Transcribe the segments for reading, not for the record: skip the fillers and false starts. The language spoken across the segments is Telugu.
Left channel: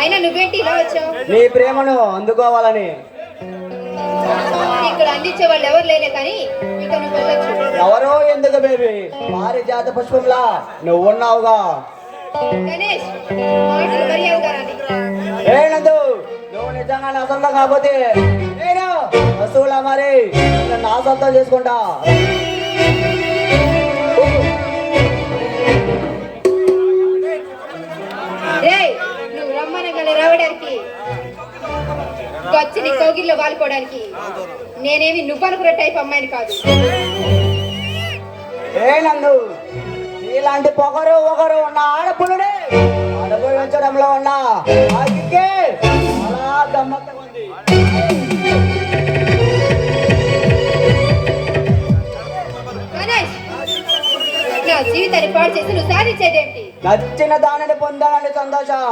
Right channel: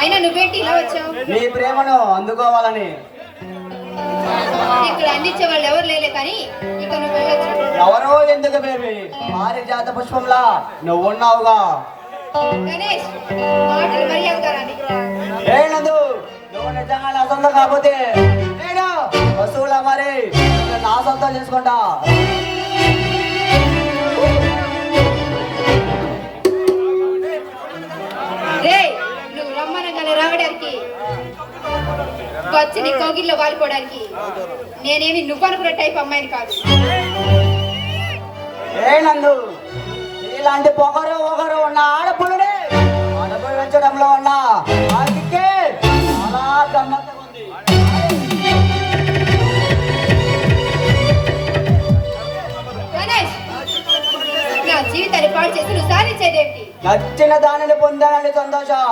అయినా నువ్వేంటి ఇలా వచ్చావు? నీ ప్రేమను అందుకోవాలని. ఇక్కడ అందించే వాళ్ళు ఎవరు లేలే కానీ ఇక నువ్వు వెళ్ళొచ్చు. ఎవరో ఎందుకు బేబీ, పారిజాత పుష్పంలా నువ్వున్నావుగా. గణేష్ మాటలు మరీ అవుతారని ఏనందు, నువ్వు నిజంగా నా సొంతం కాకపోతే నేను వస్తువులా మరి నా సొంతం చేసుకుంటా. నువ్వు రమ్మనగానే రావడానికి వచ్చి నీ కోగిల్లో వాలుకోవడానికి నేనేమి నువ్వు అనుకున్న టైప్ అమ్మాయిని కాదు. ఏనందు, ఇలాంటి పొగరు ఒకరు ఉన్న ఆడపుల్లడే అనుభవించడంలో ఉన్న ఆగికే అలా గమ్మత్తుగా ఉంది. నా జీవితాన్ని పాడు చేసి నువ్వు సాధించేదేమిటి? నచ్చిన దానిని పొందాలని సంతోషం.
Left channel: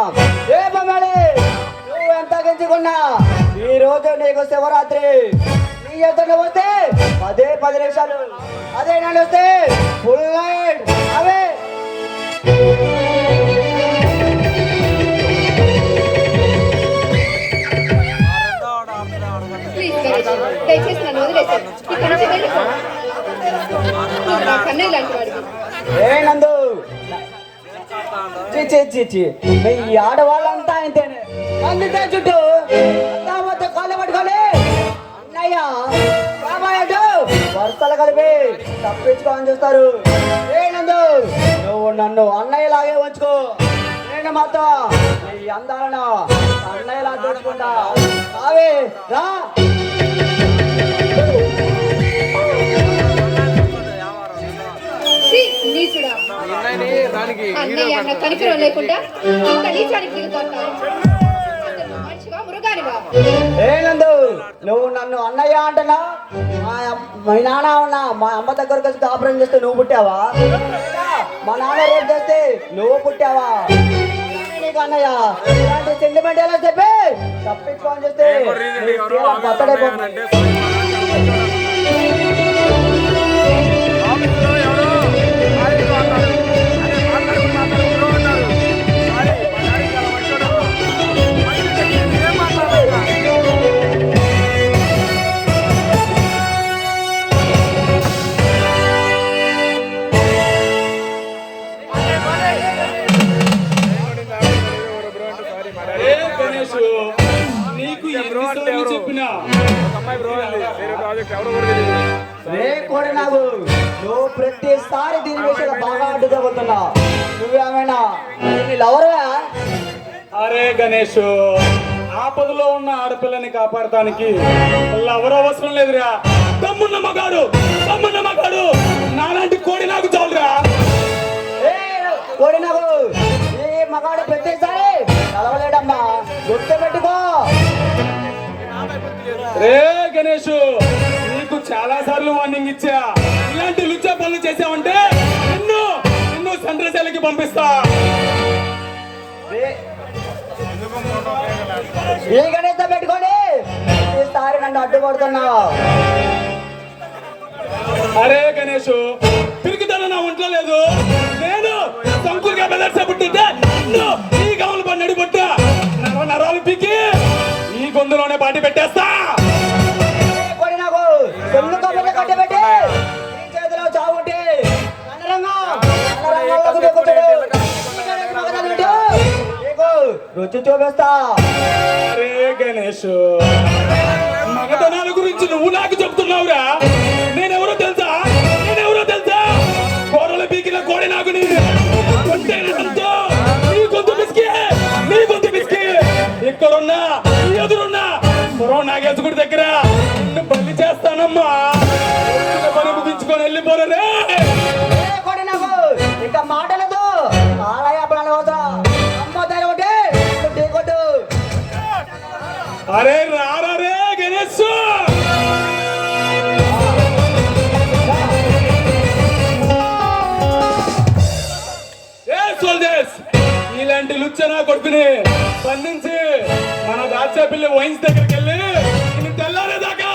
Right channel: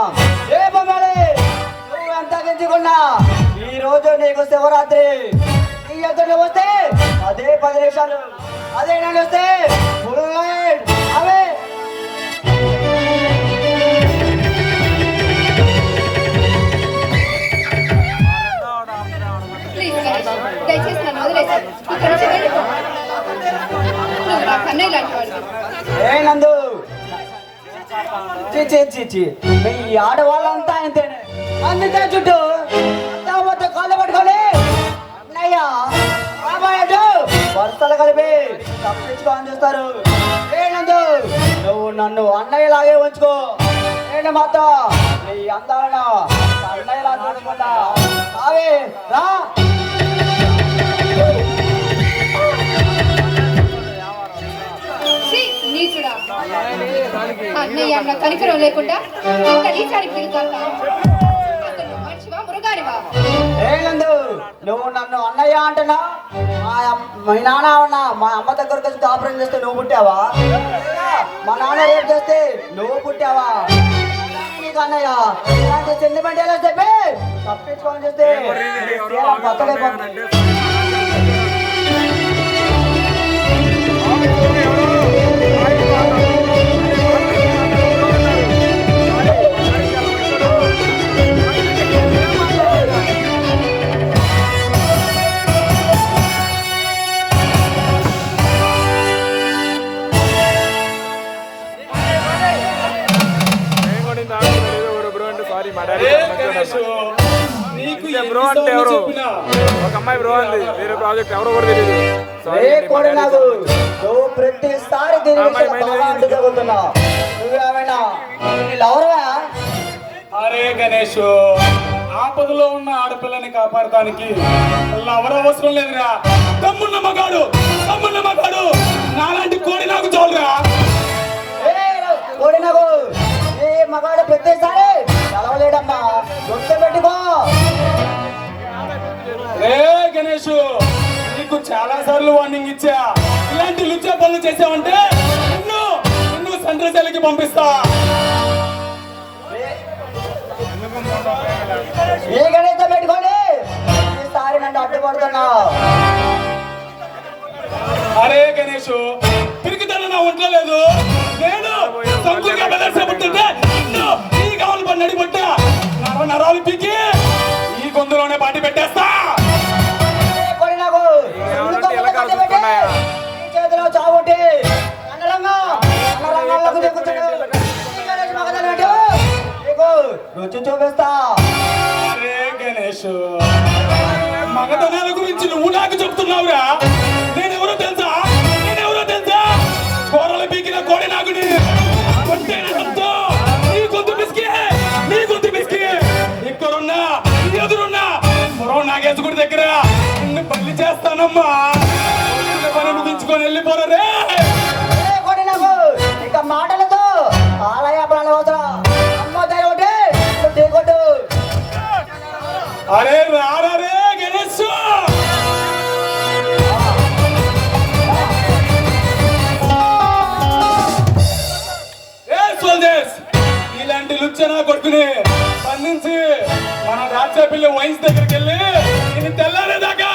ఏ బొమ్మలి, నువ్వు ఎంత గించుకున్నా ఈ రోజు నీకు శివరాత్రి. నీ ఎదురు వస్తే అదే 10 నిమిషాలు, అదే నేను వస్తే full night. Away please Ganesh, దయచేసి నన్ను వదిలేసాను. ఇక్కడ నుంచి వెళ్ళిపో. నువ్వు నా కన్నయ్య లాంటి వాడివి. ఏనందు, ఈ ఆడవాళ్ళంతా అంతేనే. అందుకే చుట్టూ మొత్తం కాళ్ళు పట్టుకొని అన్నయ్య బాబాయ్య వరుసలు కలిపి తప్పించుకోని చూస్తారు. ఏనందు, నువ్వు నన్ను అన్నయ్యలాగే ఉంచుకో, నేను మాత్రం ఈ అందాలను అన్నయ్యలా చూసుకుంటా. బావే రా. నీచుడా, అన్నయ్య అన్న కనికరం లేకుండా ఇంత నీచానికి దిగుతావు. మనిషివా మృగానివా? ఏనందు, నువ్వు నన్ను అన్నయ్య అంటున్నా. మీ నాన్న ఉన్నా మా అమ్మ దగ్గరకు వచ్చి కాపురం చేస్తే నువ్వు పుట్టావా? మా నాన్న ఏం చేస్తే నువ్వు పుట్టావా? నీకు అన్నయ్య సెంటిమెంట్ ఎలా చెప్పి తప్పించుకోని చేస్తే బ్రో అంటే ఎవరు? ఒక అమ్మాయి బ్రో అంది, వేరే ప్రాజెక్ట్ ఎవరో కూడా తెలియదు. ప్రతిసారి అరే గణేష్, ఆపదలో ఉన్న ఆడపిల్లని కాపాడటానికి ఎవరు అవసరం లేదురా. తమ్మున్న మగాడు నాలాంటి కోడి నాకు చాలురా. కోడి నాకు ఏ మగాడు ప్రతిసారి నలవలేడమ్మా, గుర్తు పెట్టుకో. రే గణేష్, నీకు చాలా సార్లు వార్నింగ్ ఇచ్చా. ఇలాంటి లుచ్చా పనులు చేసావంటే నిన్ను సెంట్రల్ పంపిస్తా. ఏ గణేష్ పెట్టుకోండి, ఈసారి నన్ను అడ్డుపడుతున్నా. అరే గణేష్, తిరిగితేనే నా ఒంట్లో లేదు. నేను సంకుగా బెదర్సబుట్టుంటే ఈ గమల పని నడిపుట్ట నరాలు పీకి ఈ గొంతులోనే పాటి పెట్టేస్తా. చావుంటే రుచి చూపిస్తా. అరే గణేష్, మగతనాల గురించి నువ్వు నాకు చెప్తున్నావురా. నేనెవరో తెలుసా? గొర్రెల పీకిన కోడి నాకు నీ గొంతు పిసికి ఇక్కడున్నా ఎదురున్నా మరో నాగేసుకుడి దగ్గర నిన్ను బలి చేస్తానమ్మా. దించుకొని వెళ్ళిపోరే. ఇంకా మాటలతో ఆలయాపడాలి అవసరం. అమ్మ దయ ఒకటి కొట్టు. అరే రారే గణేష్, ఇలాంటి లుచ్చనా కొడుకుని పన్నుంచి మన రాజ్యాపిల్లి వైన్స్ దగ్గరికి వెళ్ళి నేను తెల్లారేదాకా